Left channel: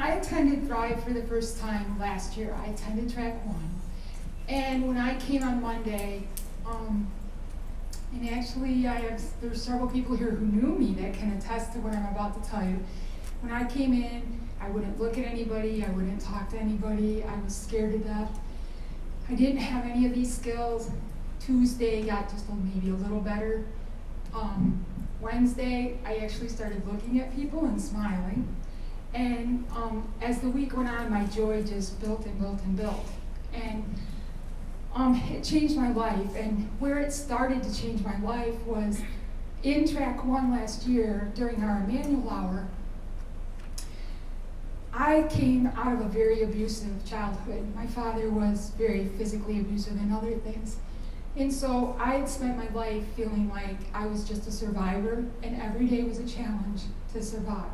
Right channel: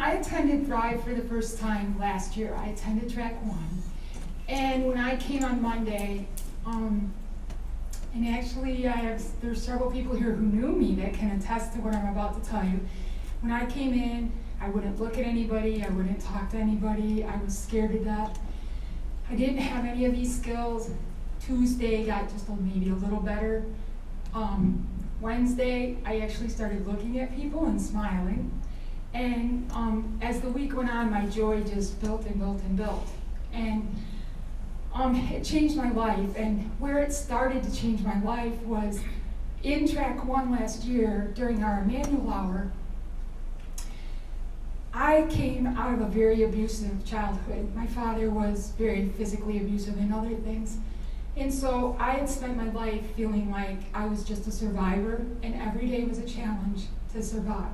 I attended Thrive for the first time last year. I attended track 1. And when I came on Monday, and actually there's several people here who knew me that can attest to what I'm about to tell you. When I came in, I wouldn't look at anybody, I wouldn't talk to anybody, I was scared to death. I didn't have any of these skills. Tuesday got just maybe a little better. Wednesday, I actually started looking at people and smiling. And as the week went on, my joy just built and built and built. And it changed my life. And where it started to change my life was in track 1 last year during our Emmanuel hour. I came out of a very abusive childhood. My father was very physically abusive and other things. And so I had spent my life feeling like I was just a survivor, and every day was a challenge to survive.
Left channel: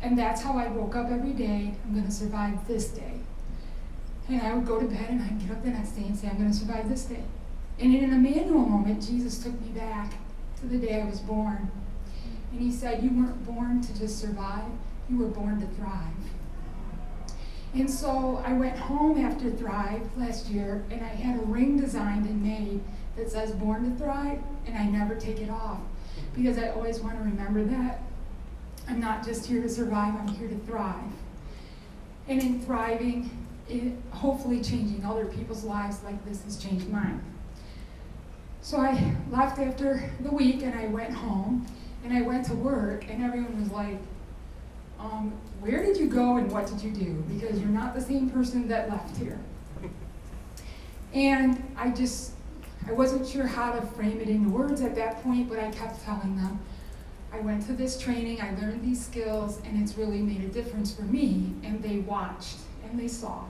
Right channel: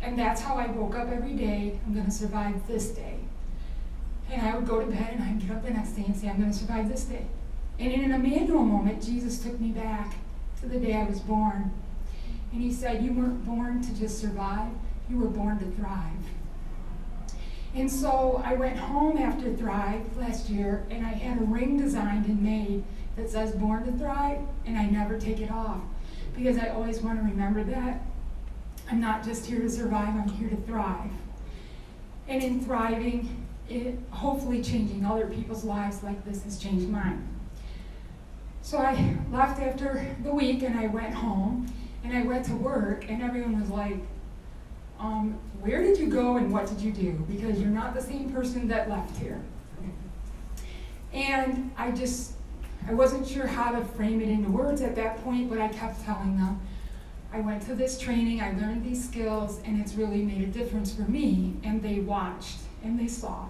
And that's how I woke up every day. I'm going to survive this day. And I would go to bed and I'd get up the next day and say, I'm going to survive this day. And in an Emmanuel moment, Jesus took me back to the day I was born. And he said, you weren't born to just survive, you were born to thrive. And so I went home after Thrive last year, and I had a ring designed and made that says Born to Thrive, and I never take it off because I always want to remember that I'm not just here to survive, I'm here to thrive. And in thriving, hopefully changing other people's lives like this has changed mine. So I left after the week, and I went home, and I went to work, and everyone was like, where did you go and what did you do? Because you're not the same person that left here. And I wasn't sure how to frame it into words at that point, but I kept telling them, I went to this training, I learned these skills, and it's really made a difference for me. And they watched and they saw.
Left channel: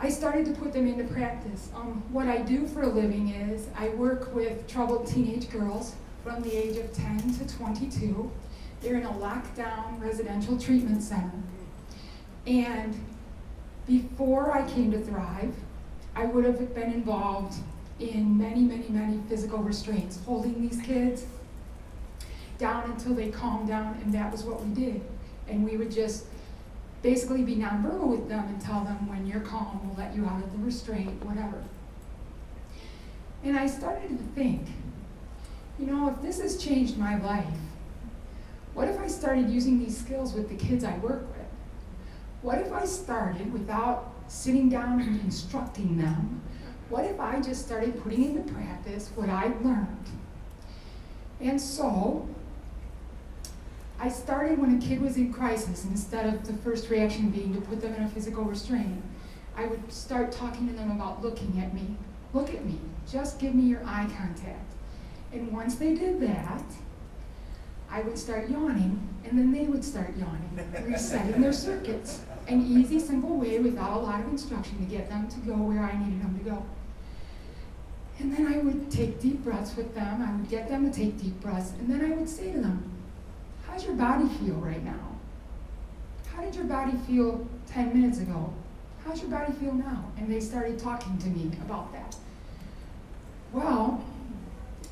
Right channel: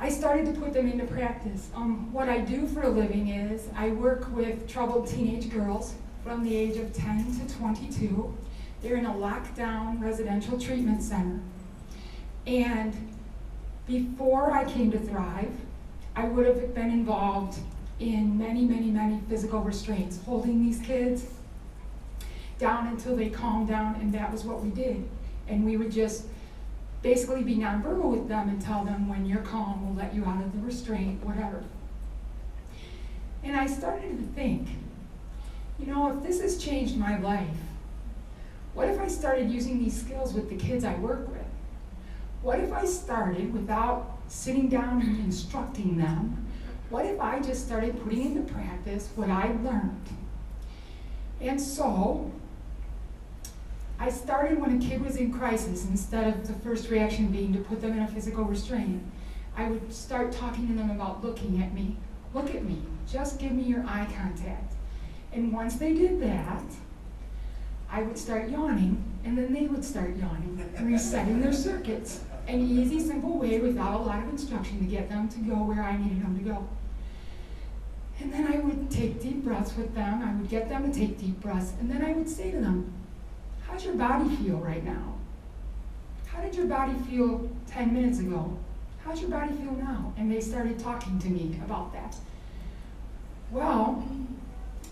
I started to put them into practice. What I do for a living is I work with troubled teenage girls from the age of 10 to 22. They're in a lockdown residential treatment center. And before I came to Thrive, I would have been involved in many, many, many physical restraints, holding these kids down until they calmed down, and that was what we did. And we would just basically be nonverbal with them and tell them, when you're calm, we'll let you out of the restraint, whatever. And I started to think, if this has changed my life, what if I started using these skills with the kids I work with? What if I started without sitting down and instructing them? What if I just started putting into practice what I learned? And so I started when a kid was in crisis. Instead of the first reaction being to put them in a physical restraint, I would start talking to them about looking at me. Look at me, just give me your eye contact. And once they did that, I would start yawning, and then they would start yawning, resetting their circuits. An easy, simple way without a lot of instruction to get them to go where I needed them to go. And then I would take deep breaths with them. I would get them to take deep breaths, and then I would say to them, how's your body feel right now? How did your body feel 10 minutes ago? How's your body feel now? And they started talking to me about that. Well,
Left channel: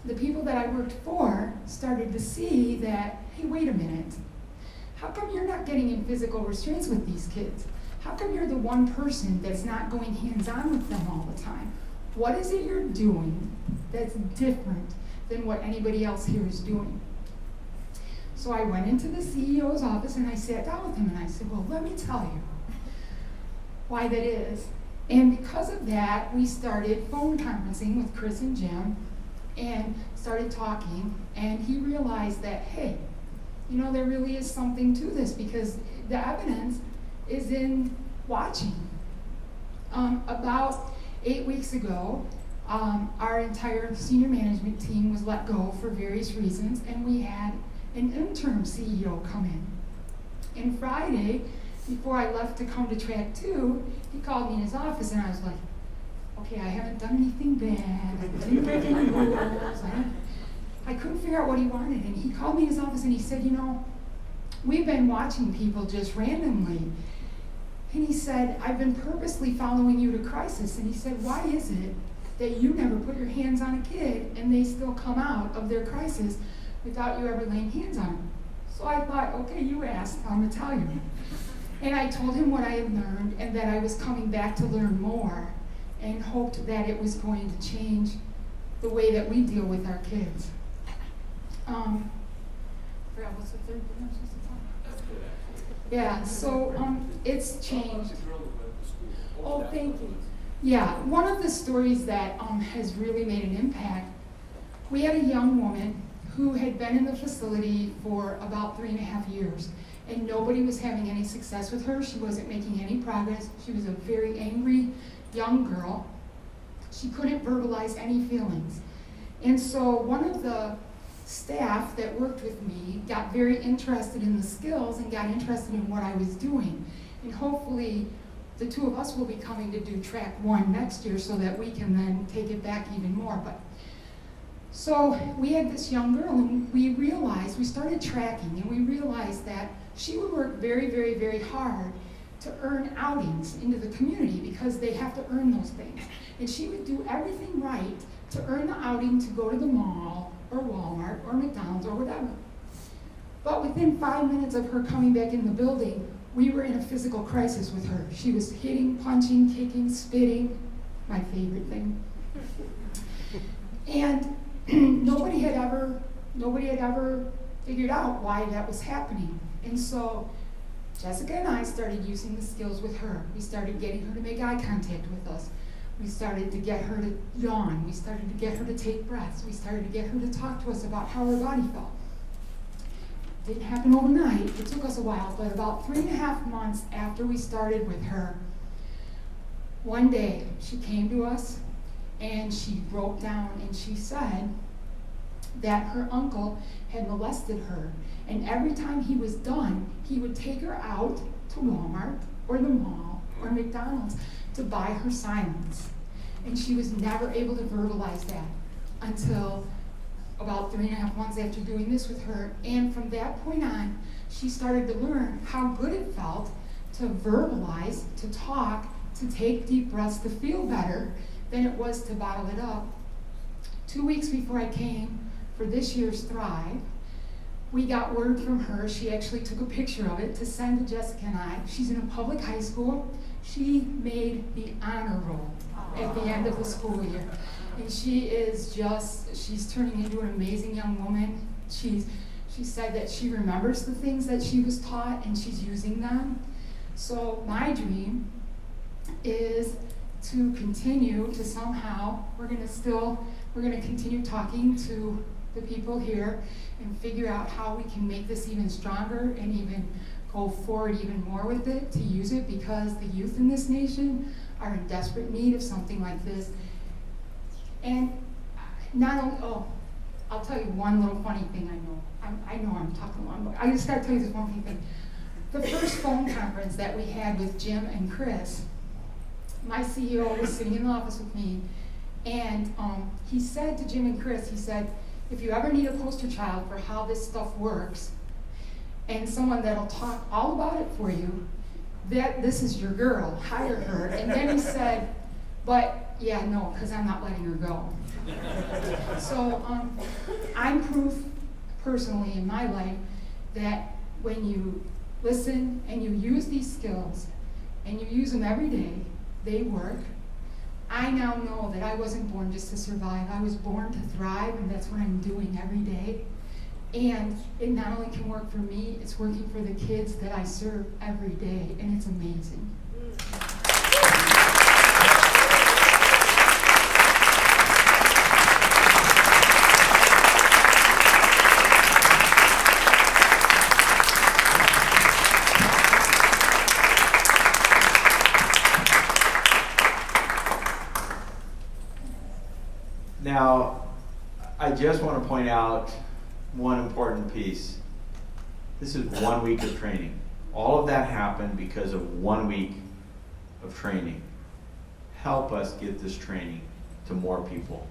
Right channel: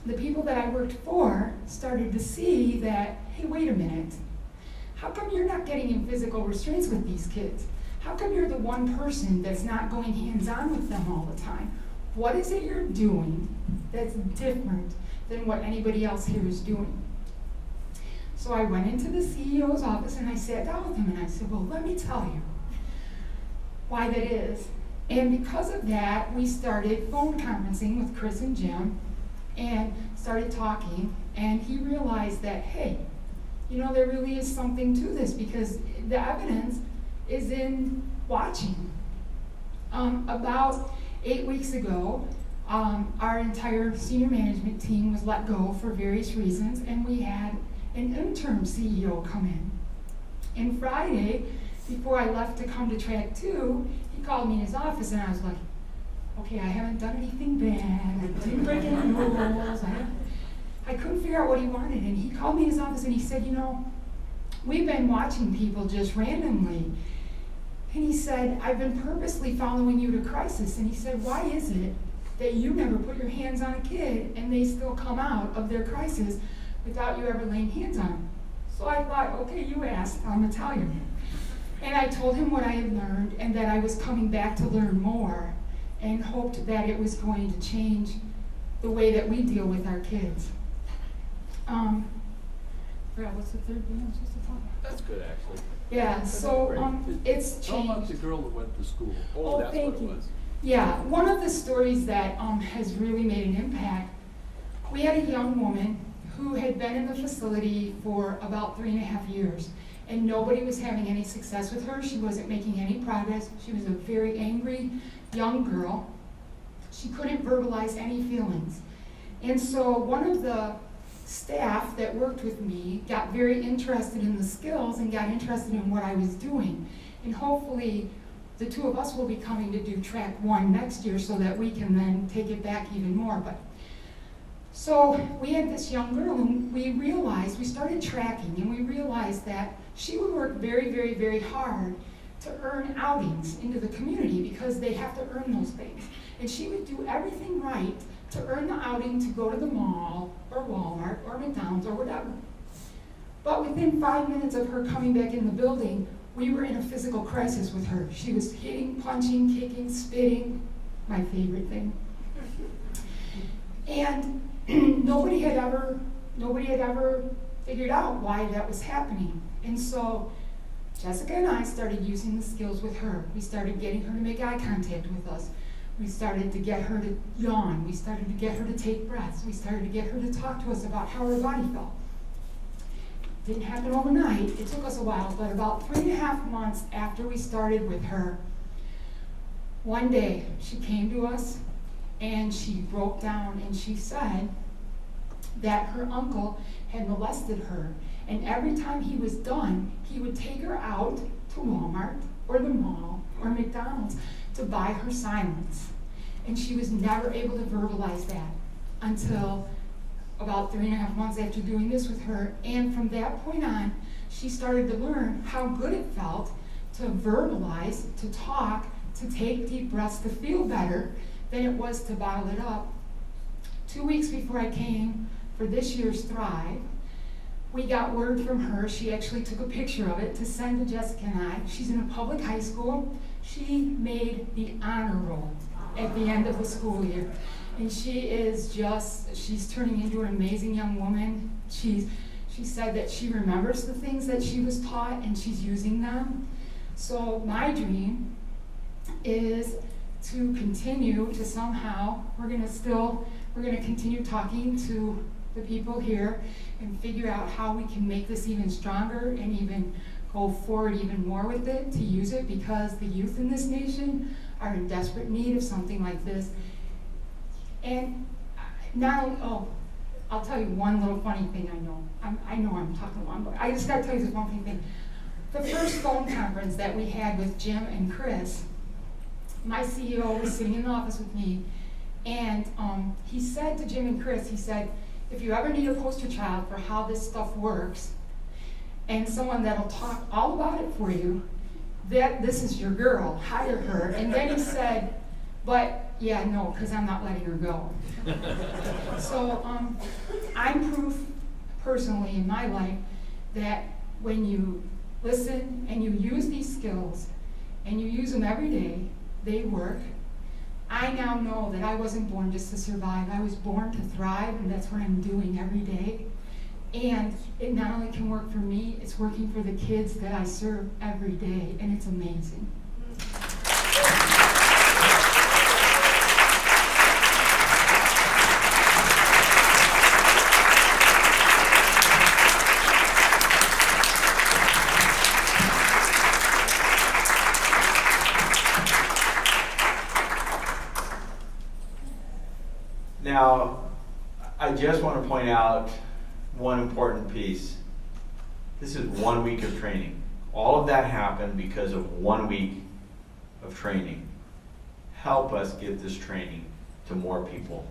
the people that I worked for started to see that, hey, wait a minute. How come you're not getting in physical restraints with these kids? How come you're the one person that's not going hands-on with them all the time? What is it you're doing that's different than what anybody else here is doing? So I went into the CEO's office and I sat down with him and I said, well, let me tell you why that is. And because of that, we started phone conferencing with Chris and Jim and started talking, and he realized that, hey, there really is something to this, because the evidence is in watching. About 8 weeks ago, our entire senior management team was let go for various reasons, and we had an interim CEO come in. And Friday, before I left to come to track 2, he called me in his office, and I was like, okay, I haven't done anything bad, I didn't break any rules, I couldn't figure out what he wanted. And he called me in his office and he said, we've been watching people just randomly. And he said, I've been purposely following you to crisis. And he said, why is it that you never put your hands on a kid and they still come out of their crisis without you ever laying hands on them? So I thought, okay, you asked, I'm gonna tell you. And I told him what I had learned and that I was coming back to learn more and hoped that it was going to change the way that we deal with our kids. Brad, what's the third thing I'm supposed to talk about? That's good, actually. Yeah, so it's changed. How about the girl that went to school? Oh, that's thank what it you. was. Yeah, one of the stories that has really made an impact, we had a young woman who had been in the facility for about 3.5 years, and nobody was having any success with her. She wasn't making any progress. She was a very angry young girl. She couldn't verbalize any feelings. And so one of the staff that worked with me got very interested in the skills and got interested in what I was doing. And hopefully the two of us will be coming to do track 1 next year so that we can then take it back even more. So we had this young girl and we started tracking and we realized that she would work very, very, very hard to earn outings into the community because they have to earn those things. And she would do everything right to earn the outing to go to the mall or Walmart or McDonald's or whatever. But within 5 minutes of her coming back in the building, we were in a physical crisis with her. She was hitting, punching, kicking, spitting, my favorite thing. And nobody had ever figured out why that was happening. And so Jessica and I started using the skills with her. We started getting her to make eye contact with us. We started to get her to yawn. We started to get her to take breaths. We started to get her to talk to us about how her body felt. Didn't happen overnight. It took us a while, but about 3.5 months after we started with her, one day she came to us and she broke down and she said that her uncle had molested her, and every time he was done, he would take her out to Walmart or the mall or McDonald's to buy her silence. And she was never able to verbalize that until about 3.5 months after doing this with her. And from that point on, she started to learn how good it felt to verbalize, to talk, to take deep breaths, to feel better than it was to bottle it up. 2 weeks before I came for this year's Thrive, we got word from her. She actually took a picture of it to send to Jessica and I. She's in a public high school. She made the honor roll at the end of the school year. And she's turning into an amazing young woman. She said that she remembers the things that she was taught and she's using them. So my dream is to continue to somehow, we're gonna continue talking to the people here and figure out how we can make this even stronger and even go forward even more with it, to use it, because the youth in this nation are in desperate need of something like this. And not only, I'll tell you one little funny thing I know. I know I'm talking long, but I just gotta tell you this one funny thing. The first phone conference that we had with Jim and Chris, my CEO was sitting in the office with me, and he said to Jim and Chris, he said, if you ever need a poster child for how this stuff works, and someone that'll talk all about it for you, this is your girl, hire her. And then he said, but yeah, no, because I'm not letting her go. So I'm proof personally in my life that when you listen and you use these skills and you use them every day, they work. I now know that I wasn't born just to survive. I was born to thrive, and that's what I'm doing every day. And it not only can work for me, it's working for the kids that I serve every day, and it's amazing. Now, I just want to point out one important piece. This is 1 week of training. All of that happened because of 1 week of training. Help us get this training to more people.